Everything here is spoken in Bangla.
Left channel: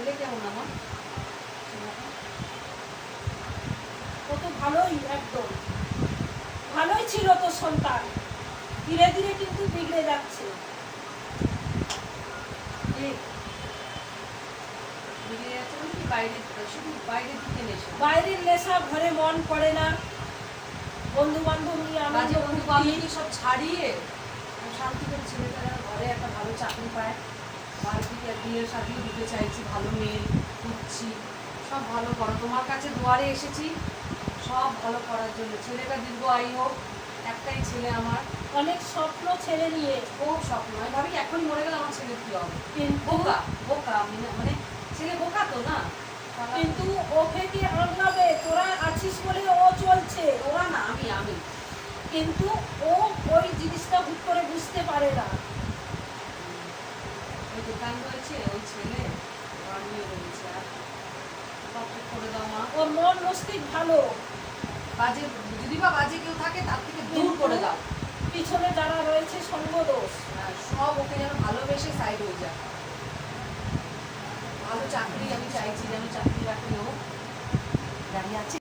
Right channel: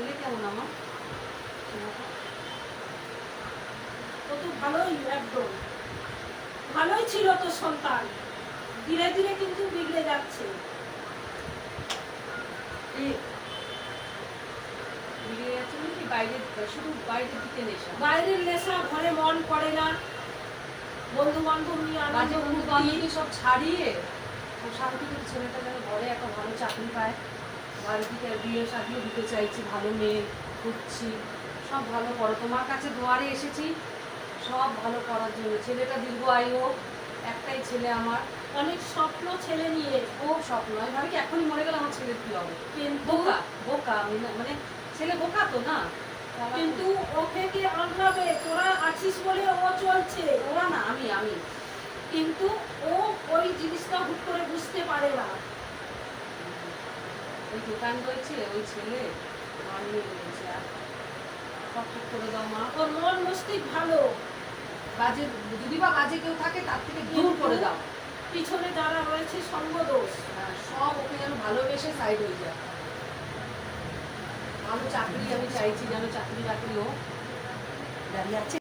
ছেলে কেমন আমার? কত ভালোই, একদম ভালোই ছিল তোর সন্তান, ধীরে ধীরে কিন্তু বিগড়ে যাচ্ছে। বিগড়ে যাচ্ছে মানে কি? শুধু বাইরের দিকে নেশা, বাইরের নেশা, ঘরে মন পড়ে না, বন্ধু বান্ধব নিয়ে বাজে আনন্দ বন্ধু ফুর্তি। বান্ধবী সব ছাড়িয়ে শান্তি করে ছেলেটা যেন ঘরে একটা ভালো চাকরি পায়। বাড়ি থেকে বিয়ে শাদিও দিতে চাইছি, ভালো মেয়ে খুঁজছি। সব ভালো করো, তোমার কাছে দুয়ারে এসেছি সব ভালো করার জন্য। ছেলেটা দীর্ঘ আয়ু হোক, একটাই ছেলে আমার। অনেক স্বপ্ন ছেলে নিয়ে, খুব স্বপ্ন। আমি ভাবি কি এখনই মরে গেলে আমার ছেলের কি হবে। কিন্তু বোকা বোকা মানে ছেলে বোকা তো না। কিন্তু ওকে কি আনলাবে, তোরা আছিস বলে ও চলছে। ওরা না, আমি কিন্তু ও ওই জিনিসটা হুট করে বুঝতে পারে না। ওই দোকান রয়েছে, ওই ছেলে ঘর নিয়ে রয়েছে। আর কষ্ট করে দাও মা। ওর মন মস্তিষ্ক ভালো, বাজে যদি বা বাজে কেউ থাকে তার থেকে দূর করে দাও। পিছনে যারা রয়েছে সঙ্গদোষ। হ্যাঁ, সব ওকে যেন ভালোবেসে সাইড হয়ে যায়। ভালো চাকরি আমি চাইছি, যেন চাকরি বাকরি হোক। দাঁড়িয়ে আছে।